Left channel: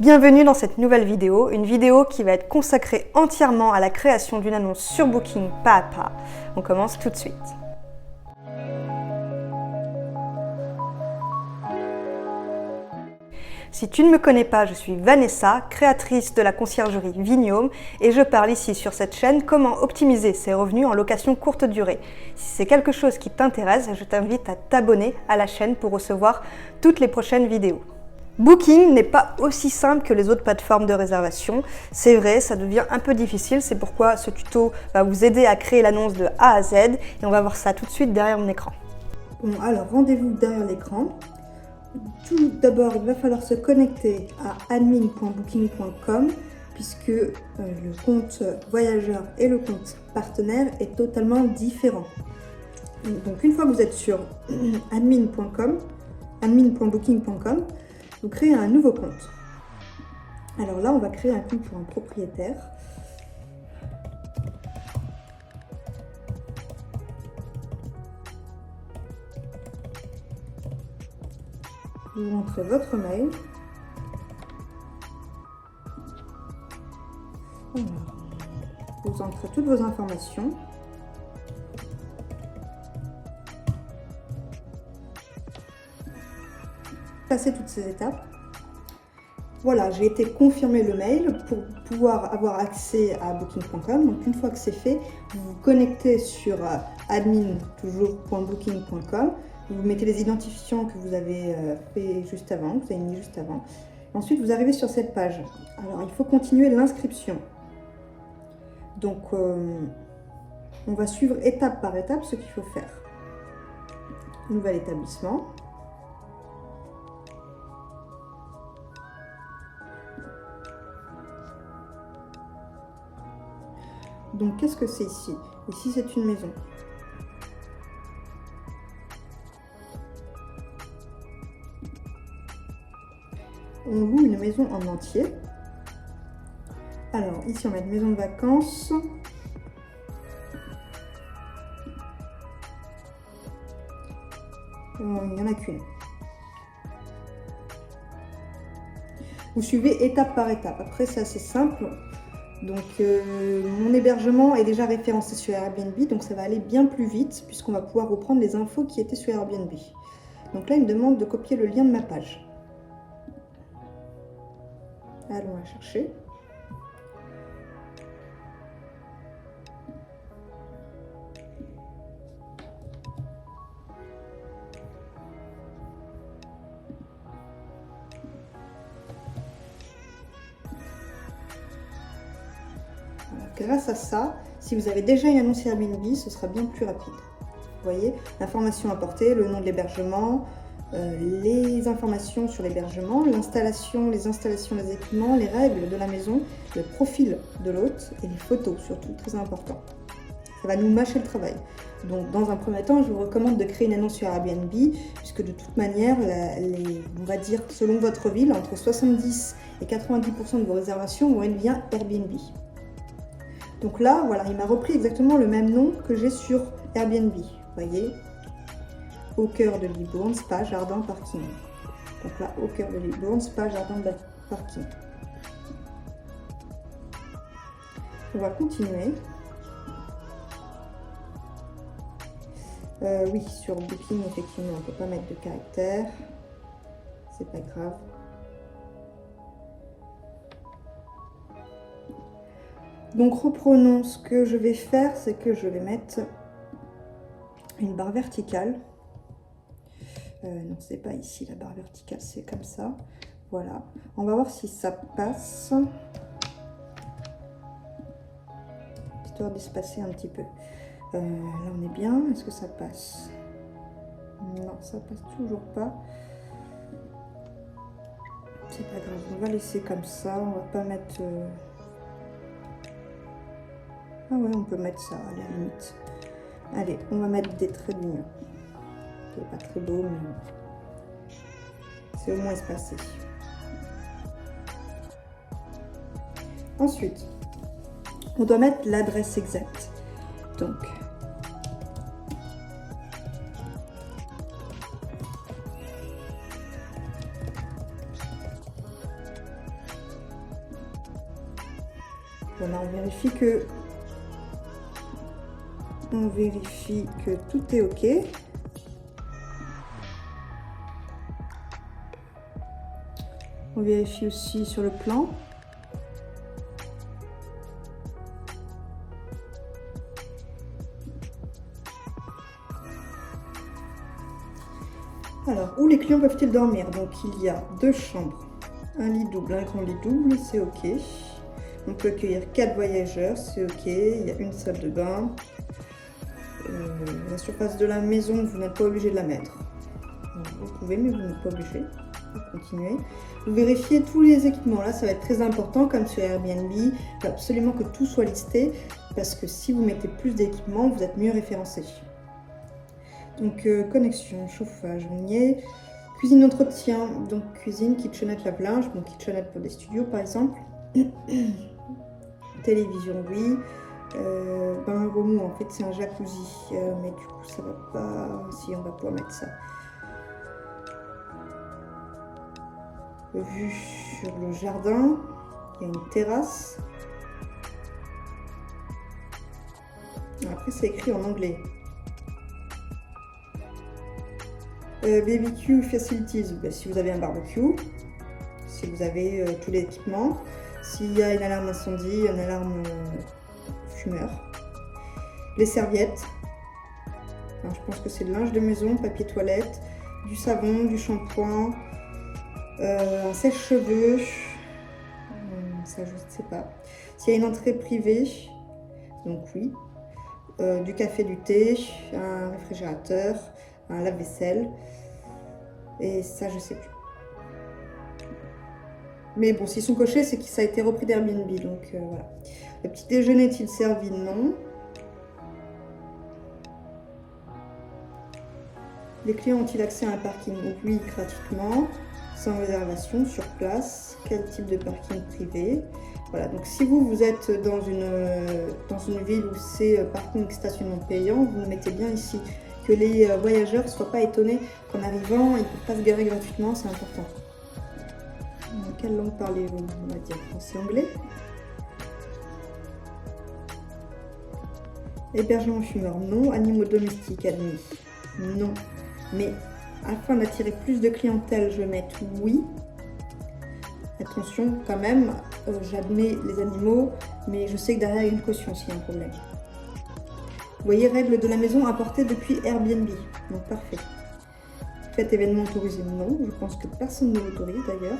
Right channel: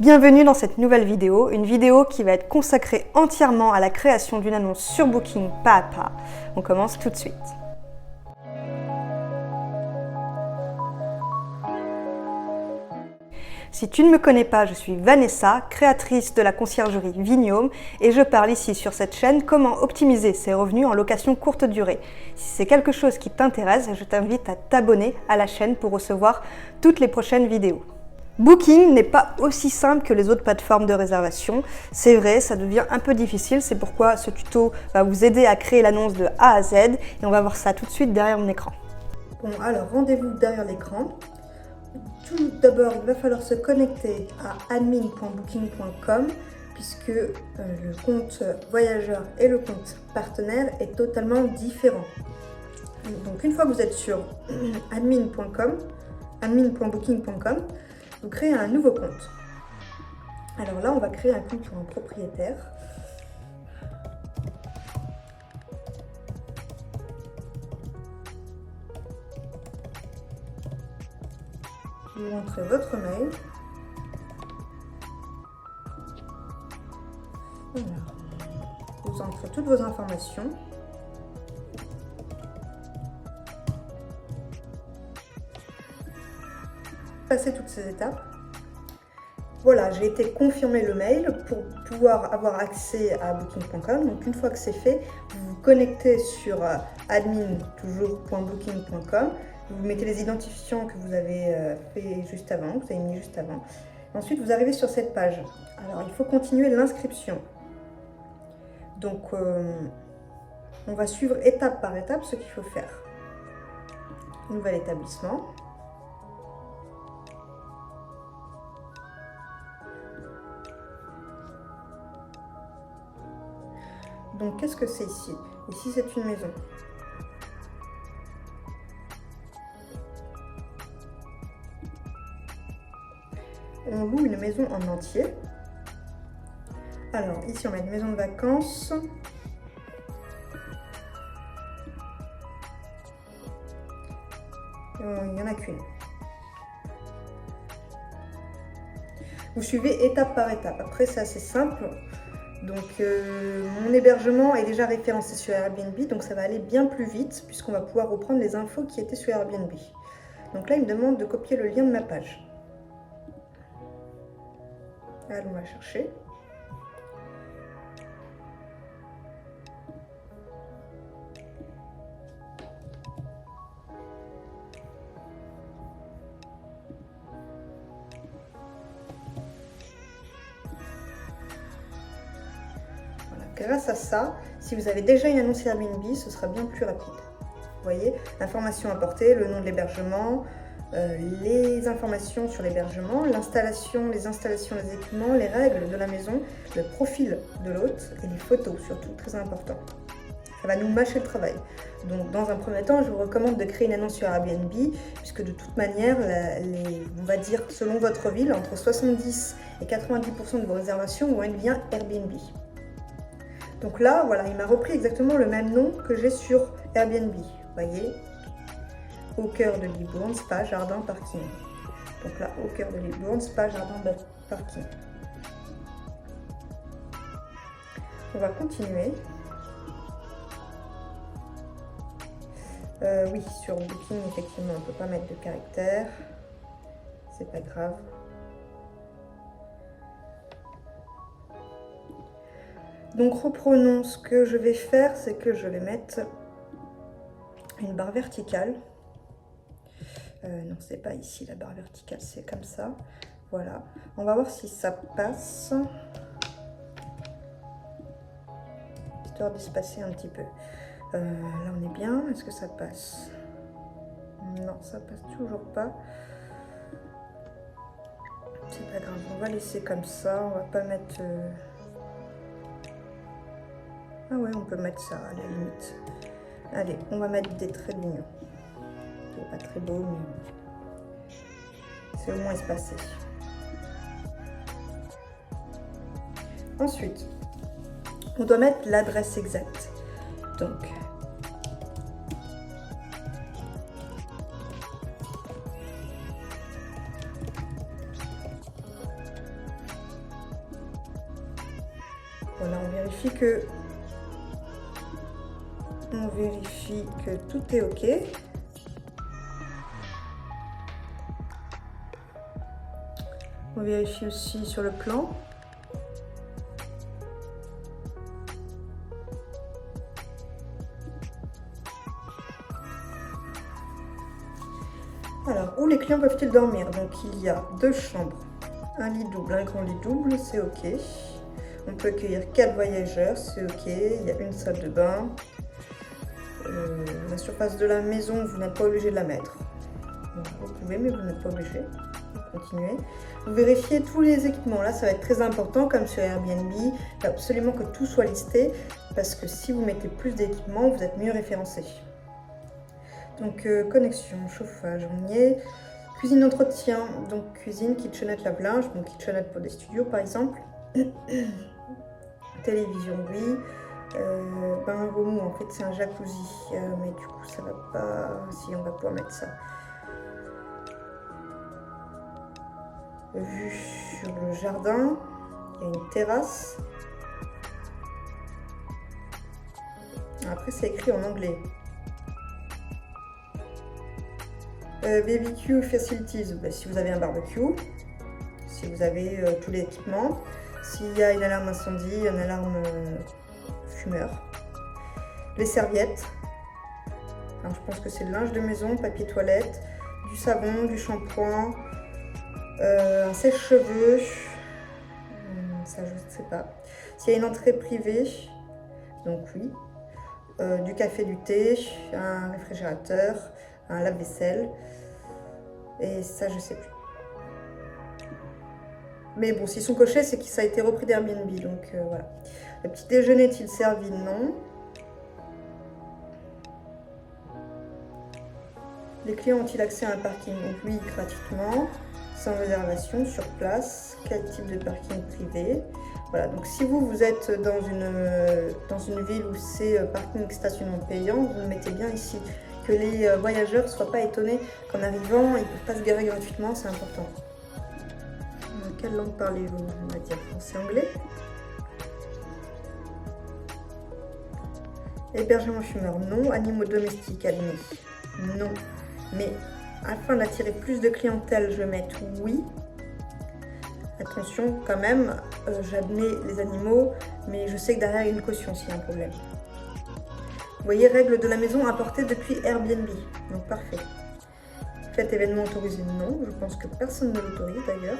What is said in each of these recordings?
Bienvenue dans cette nouvelle vidéo, une vidéo qui va être consacrée entièrement à la création d'une annonce sur Booking pas à pas. On commence tout de suite. Si tu ne me connais pas, je suis Vanessa, créatrice de la conciergerie Vignome et je parle ici sur cette chaîne comment optimiser ses revenus en location courte durée. Si c'est quelque chose qui t'intéresse, je t'invite à t'abonner à la chaîne pour recevoir toutes les prochaines vidéos. Booking n'est pas aussi simple que les autres plateformes de réservation. C'est vrai, ça devient un peu difficile, c'est pourquoi ce tuto va vous aider à créer l'annonce de A à Z et on va voir ça tout de suite derrière mon écran. Bon, alors rendez-vous derrière l'écran. Tout d'abord, il va falloir se connecter à admin.booking.com puisque le compte voyageur et le compte partenaire est totalement différent. Donc une fois que vous êtes sur admin.booking.com, vous créez un nouveau compte. Alors là, on va créer un compte pour un propriétaire. Vous rentrez votre mail. Alors, vous entrez toutes vos informations. Passez toutes ces étapes. Voilà, j'ai été confirmer le mail pour pouvoir avoir accès à booking.com. Donc une fois que c'est fait, vous vous connectez sur admin.booking.com. Vous mettez les identifiants que vous avez fait juste avant, que vous avez mis juste avant. Ensuite, vous arrivez sur cette page. Alors, il faut continuer l'inscription. Donc, on va suivre étape par étape ce qu'il faut faire. Nouvel établissement. Donc, qu'est-ce que c'est ici? Ici, c'est une maison. On loue une maison en entier. Alors, ici, on met une maison de vacances. Il n'y en a qu'une. Vous suivez étape par étape. Après, c'est assez simple. Donc, mon hébergement est déjà référencé sur Airbnb, donc ça va aller bien plus vite puisqu'on va pouvoir reprendre les infos qui étaient sur Airbnb. Donc là, il me demande de copier le lien de ma page. Allons la chercher. Voilà. Grâce à ça, si vous avez déjà une annonce Airbnb, ce sera bien plus rapide. Vous voyez, l'information apportée, le nom de l'hébergement, les informations sur l'hébergement, l'installation, les installations des équipements, les règles de la maison, le profil de l'hôte et les photos surtout, très important. Ça va nous mâcher le travail. Donc dans un premier temps, je vous recommande de créer une annonce sur Airbnb puisque de toute manière, on va dire selon votre ville, entre 70 et 90% de vos réservations vont être via Airbnb. Donc là, voilà, il m'a repris exactement le même nom que j'ai sur Airbnb. Vous voyez, au cœur de Libourne, spa, jardin, parking. Donc là, au cœur de Libourne, spa, jardin, parking. On va continuer. Oui, sur Booking, effectivement, on ne peut pas mettre de caractère. C'est pas grave. Donc reprenons, ce que je vais faire, c'est que je vais mettre une barre verticale. Non, c'est pas ici la barre verticale, c'est comme ça. Voilà, on va voir si ça passe. Histoire d'espacer un petit peu. Là, on est bien. Est-ce que ça passe? Non, ça passe toujours pas. C'est pas grave, on va laisser comme ça. On va pas mettre... Ah ouais, on peut mettre ça à la limite. Allez, on va mettre des traits d'union. C'est pas très beau, mais c'est au moins espacé. Ensuite, on doit mettre l'adresse exacte. Donc, Voilà, on vérifie que tout est OK. On vérifie aussi sur le plan. Alors, où les clients peuvent-ils dormir? Donc, il y a 2 chambres, un lit double, un grand lit double, c'est OK. On peut accueillir 4 voyageurs, c'est OK. Il y a une salle de bain. La surface de la maison, vous n'êtes pas obligé de la mettre. Vous pouvez, mais vous n'êtes pas obligé. Continuer. Vous vérifiez tous les équipements. Là, ça va être très important, comme sur Airbnb. Il faut absolument que tout soit listé, parce que si vous mettez plus d'équipements, vous êtes mieux référencé. Donc, connexion, chauffage, on y est. Cuisine, entretien. Donc, cuisine, kitchenette, lave-linge. Bon, kitchenette pour des studios, par exemple. Télévision, oui. Bain remous, en fait, c'est un jacuzzi. Mais du coup, ça va pas... Si, on va pouvoir mettre ça. Vue sur le jardin. Il y a une terrasse. Après, c'est écrit en anglais. BBQ Facilities, ben, si vous avez un barbecue, si vous avez tout l'équipement, s'il y a une alarme incendie, une alarme fumeur, les serviettes, alors, je pense que c'est le linge de maison, papier toilette, du savon, du shampoing, un sèche-cheveux, ça je ne sais pas, s'il y a une entrée privée, donc oui, du café, du thé, un réfrigérateur, un lave-vaisselle, et ça je sais plus. Mais bon, s'ils sont cochés, c'est que ça a été repris d'Airbnb, donc voilà. Le petit déjeuner est-il servi? Non. Les clients ont-ils accès à un parking? Oui, gratuitement, sans réservation, sur place. Quel type de parking privé? Voilà, donc si vous êtes dans une ville où c'est parking stationnement payant, vous le mettez bien ici. Que les voyageurs ne soient pas étonnés qu'en arrivant, ils ne peuvent pas se garer gratuitement, c'est important. Quelle langue parlez-vous? On va dire français-anglais. Hébergement fumeur, non. Animaux domestiques admis, non. Mais afin d'attirer plus de clientèle, je vais mettre oui. Attention quand même, j'admets les animaux, mais je sais que derrière il y a une caution s'il y a un problème. Vous voyez, règles de la maison apportées depuis Airbnb. Donc parfait. Faites événement autorisé, non. Je pense que personne ne l'autorise d'ailleurs.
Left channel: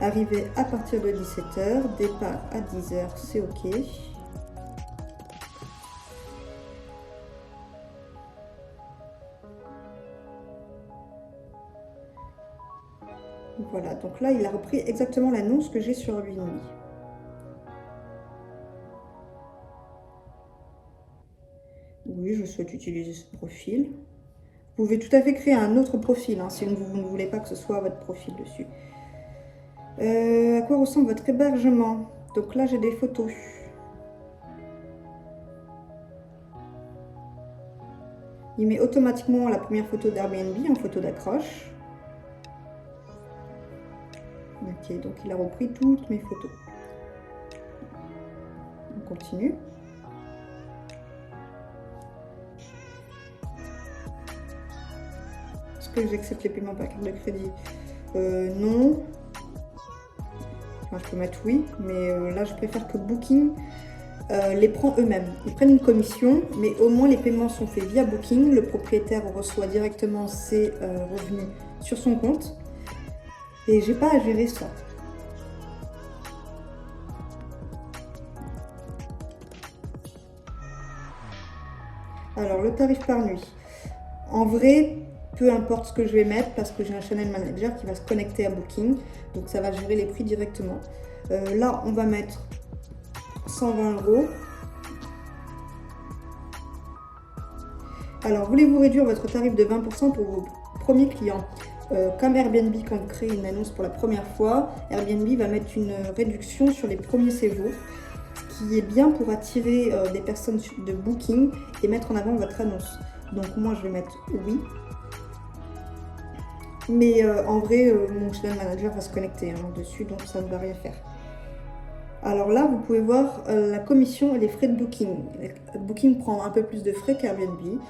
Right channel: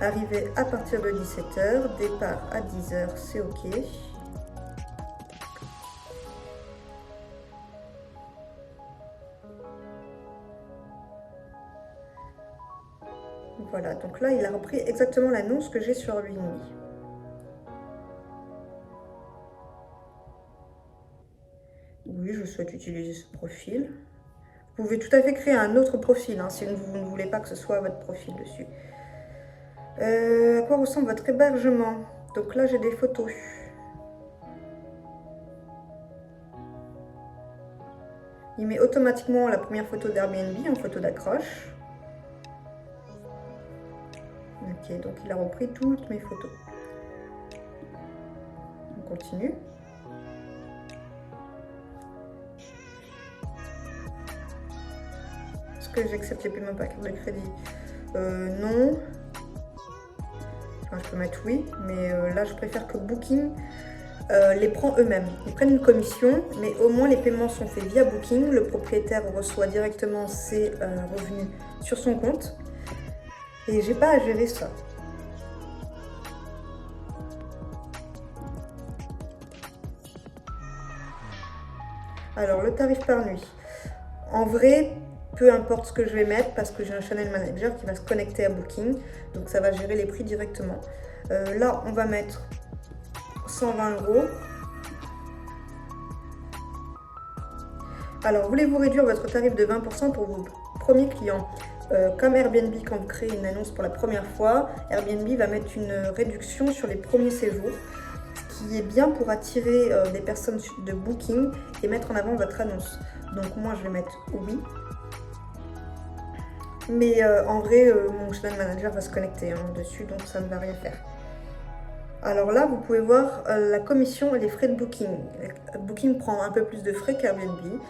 Arrivée à partir de 17 h, départ à 10 h, c'est OK. Voilà, donc là, il a repris exactement l'annonce que j'ai sur Airbnb. Oui, je souhaite utiliser ce profil. Vous pouvez tout à fait créer un autre profil, hein, si vous ne voulez pas que ce soit votre profil dessus. À quoi ressemble votre hébergement? Donc là, j'ai des photos. Il met automatiquement la première photo d'Airbnb en photo d'accroche. Ok, donc il a repris toutes mes photos. On continue. Est-ce que j'accepte les paiements par carte de crédit? Non. Enfin, je peux mettre oui, mais là je préfère que Booking les prend eux-mêmes. Ils prennent une commission, mais au moins les paiements sont faits via Booking. Le propriétaire reçoit directement ses revenus sur son compte. Et j'ai pas à gérer ça. Alors, le tarif par nuit. En vrai, peu importe ce que je vais mettre parce que j'ai un channel manager qui va se connecter à Booking. Donc, ça va gérer les prix directement. Là, on va mettre 120 €. Alors, voulez-vous réduire votre tarif de 20% pour vos premiers clients? Comme Airbnb, quand vous créez une annonce pour la première fois, Airbnb va mettre une réduction sur les premiers séjours, ce qui est bien pour attirer des personnes de Booking et mettre en avant votre annonce. Donc moi, je vais mettre oui. Mais en vrai, mon channel manager va se connecter dessus, donc ça ne va rien faire. Alors là, vous pouvez voir la commission et les frais de Booking. Booking prend un peu plus de frais qu'Airbnb,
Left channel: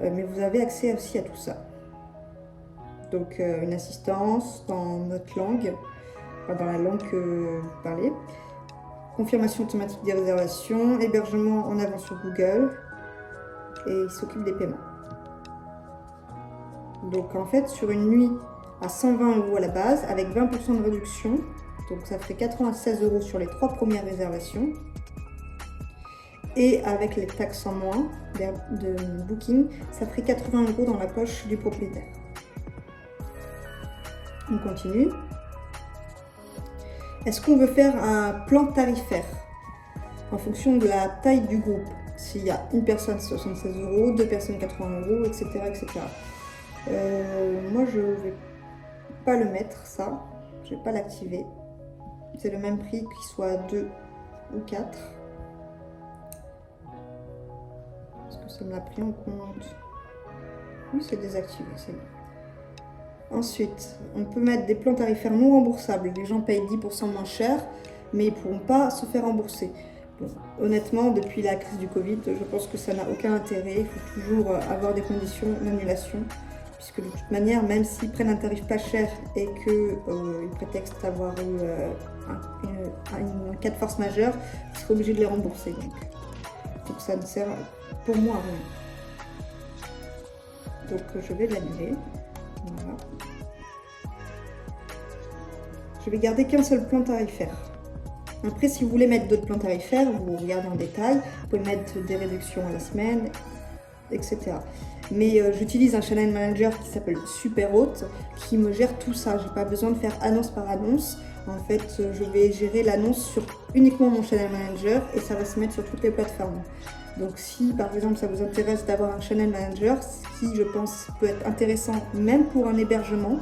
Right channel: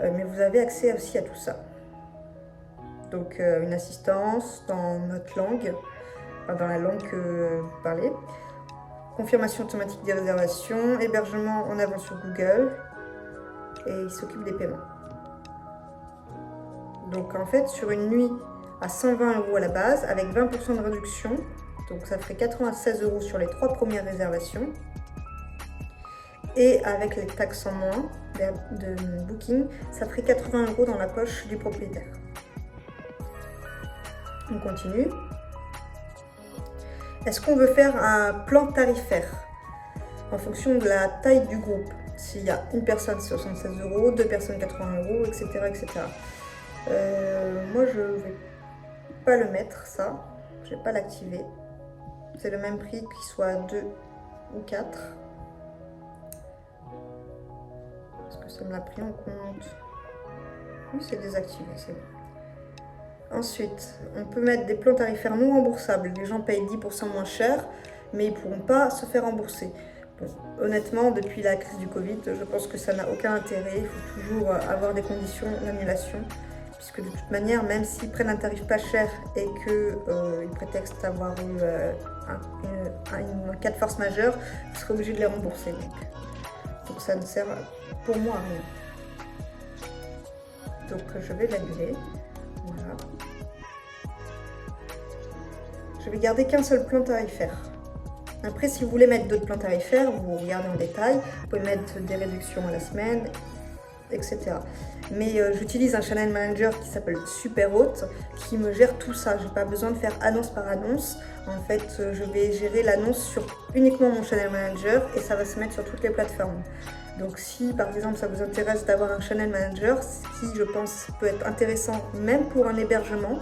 mais vous avez accès aussi à tout ça. Donc une assistance dans notre langue, dans la langue que vous parlez, confirmation automatique des réservations, hébergement en avance sur Google, et il s'occupe des paiements. Donc en fait, sur une nuit à 120 € à la base, avec 20% de réduction, donc ça ferait 96 € sur les 3 premières réservations. Et avec les taxes en moins de Booking, ça ferait 80 € dans la poche du propriétaire. On continue. Est-ce qu'on veut faire un plan tarifaire en fonction de la taille du groupe? S'il y a une personne, 76 €, deux personnes, 80 €, etc. etc. Moi, je ne vais pas le mettre, ça. Je ne vais pas l'activer. C'est le même prix qu'il soit 2 ou 4. Parce que ça me l'a pris en compte. Oui, c'est désactivé, c'est bon. Ensuite, on peut mettre des plans tarifaires non remboursables. Les gens payent 10% moins cher, mais ils ne pourront pas se faire rembourser. Bon, honnêtement, depuis la crise du Covid, je pense que ça n'a aucun intérêt. Il faut toujours avoir des conditions d'annulation. Puisque de toute manière, même s'ils prennent un tarif pas cher et qu'ils prétextent avoir eu un cas de force majeure, ils seraient obligés de les rembourser. Donc ça ne sert pour moi à rien. Donc je vais l'annuler. Voilà. Je vais garder qu'un seul plan tarifaire. Après, si vous voulez mettre d'autres plans tarifaires, vous regardez en détail. Vous pouvez mettre des réductions à la semaine, etc. Mais j'utilise un channel manager qui s'appelle Superhôte qui me gère tout ça. J'ai pas besoin de faire annonce par annonce. En fait, je vais gérer l'annonce sur uniquement mon channel manager et ça va se mettre sur toutes les plateformes. Donc si par exemple ça vous intéresse d'avoir un channel manager, ce qui je pense peut être intéressant même pour un hébergement,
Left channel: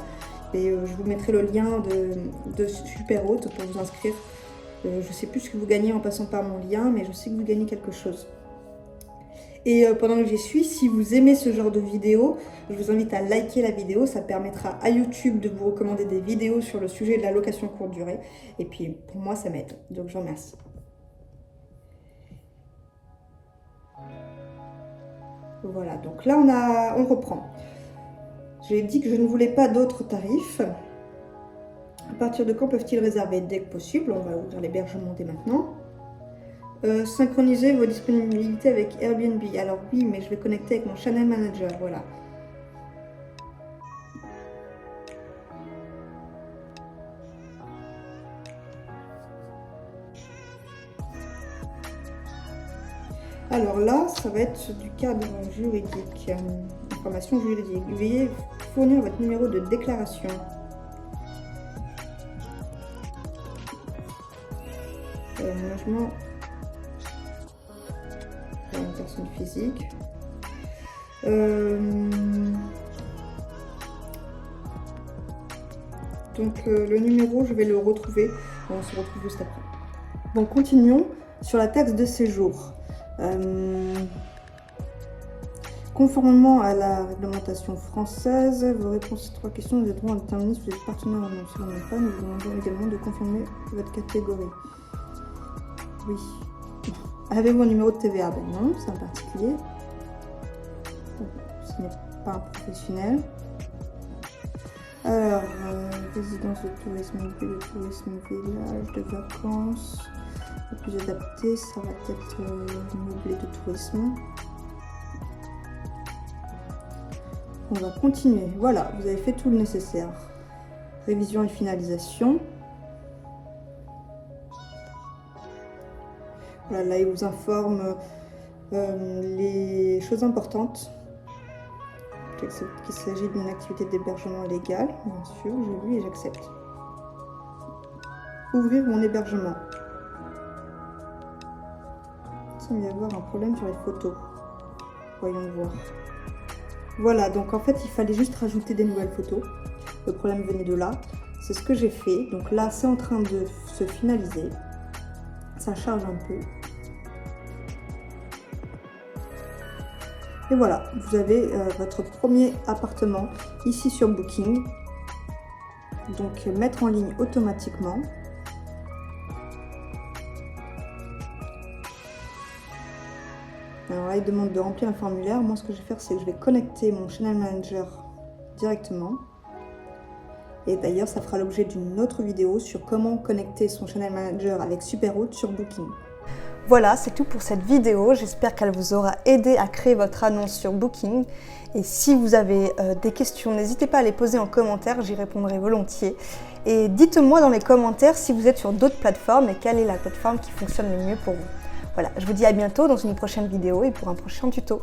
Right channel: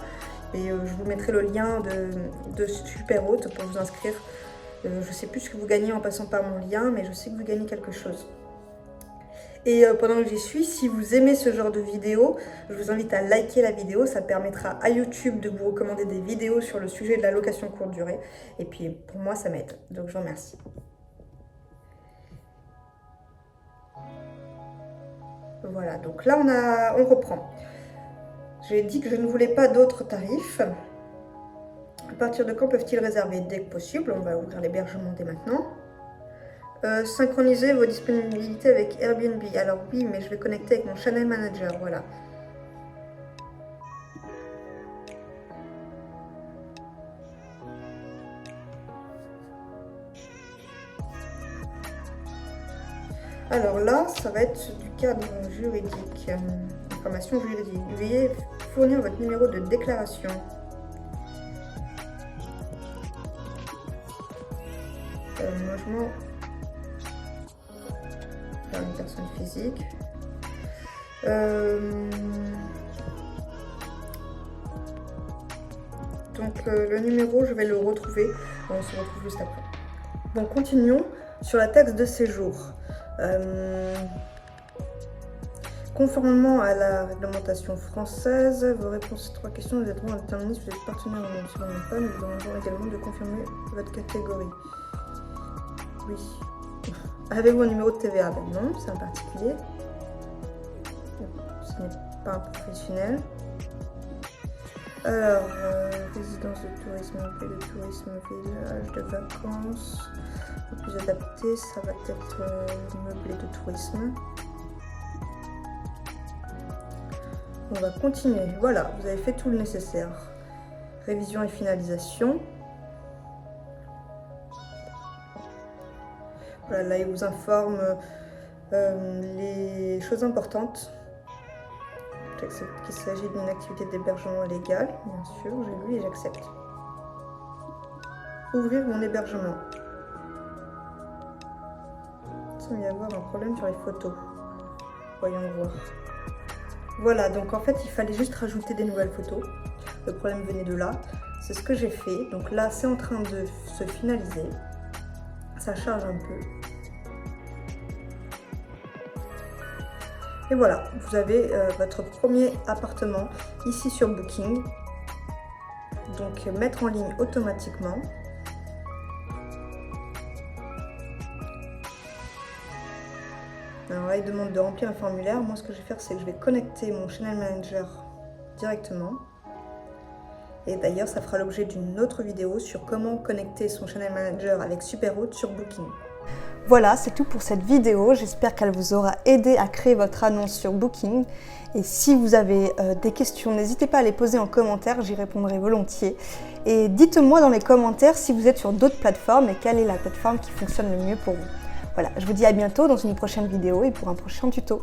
et je vous mettrai le lien de Superhôte pour vous inscrire. Je sais plus ce que vous gagnez en passant par mon lien, mais je sais que vous gagnez quelque chose. Et pendant que j'y suis, si vous aimez ce genre de vidéo, je vous invite à liker la vidéo. Ça permettra à YouTube de vous recommander des vidéos sur le sujet de la location courte durée. Et puis, pour moi, ça m'aide. Donc, je vous remercie. Voilà, donc là, on reprend. J'ai dit que je ne voulais pas d'autres tarifs. À partir de quand peuvent-ils réserver? Dès que possible. On va ouvrir l'hébergement dès maintenant. Synchroniser vos disponibilités avec Airbnb. Alors oui, mais je vais connecter avec mon channel manager, voilà. Alors là, ça va être du cadre juridique, information juridique. Veuillez fournir votre numéro de déclaration. Logement. Une personne physique. Donc le numéro, je vais le retrouver. On se retrouve juste après. Bon, continuons sur la taxe de séjour. Conformément à la réglementation française, vos réponses à 3 questions vous aideront à déterminer si vous êtes partenaire ou non. Si vous n'êtes pas, nous vous demandons également de confirmer votre catégorie. Oui. Avez-vous un numéro de TVA? Ben non, c'est un particulier. Bon, ce n'est pas un professionnel. Alors, résidence de tourisme, lieu de tourisme, village de vacances. Le plus adapté, ça va être meublé de tourisme. On va continuer. Voilà, vous avez fait tout le nécessaire. Révision et finalisation. Voilà, là, il vous informe les choses importantes. Qu'il s'agit d'une activité d'hébergement légale, bien sûr, j'ai vu et j'accepte. Ouvrir mon hébergement. Il semble y avoir un problème sur les photos. Voyons voir. Voilà, donc en fait, il fallait juste rajouter des nouvelles photos. Le problème venait de là. C'est ce que j'ai fait. Donc là, c'est en train de se finaliser. Ça charge un peu. Et voilà, vous avez votre premier appartement ici sur Booking. Donc mettre en ligne automatiquement. Alors là, il demande de remplir un formulaire. Moi, ce que je vais faire, c'est que je vais connecter mon Channel Manager directement. Et d'ailleurs, ça fera l'objet d'une autre vidéo sur comment connecter son Channel Manager avec Superroute sur Booking. Voilà, c'est tout pour cette vidéo. J'espère qu'elle vous aura aidé à créer votre annonce sur Booking. Et si vous avez des questions, n'hésitez pas à les poser en commentaire, j'y répondrai volontiers. Et dites-moi dans les commentaires si vous êtes sur d'autres plateformes et quelle est la plateforme qui fonctionne le mieux pour vous. Voilà, je vous dis à bientôt dans une prochaine vidéo et pour un prochain tuto.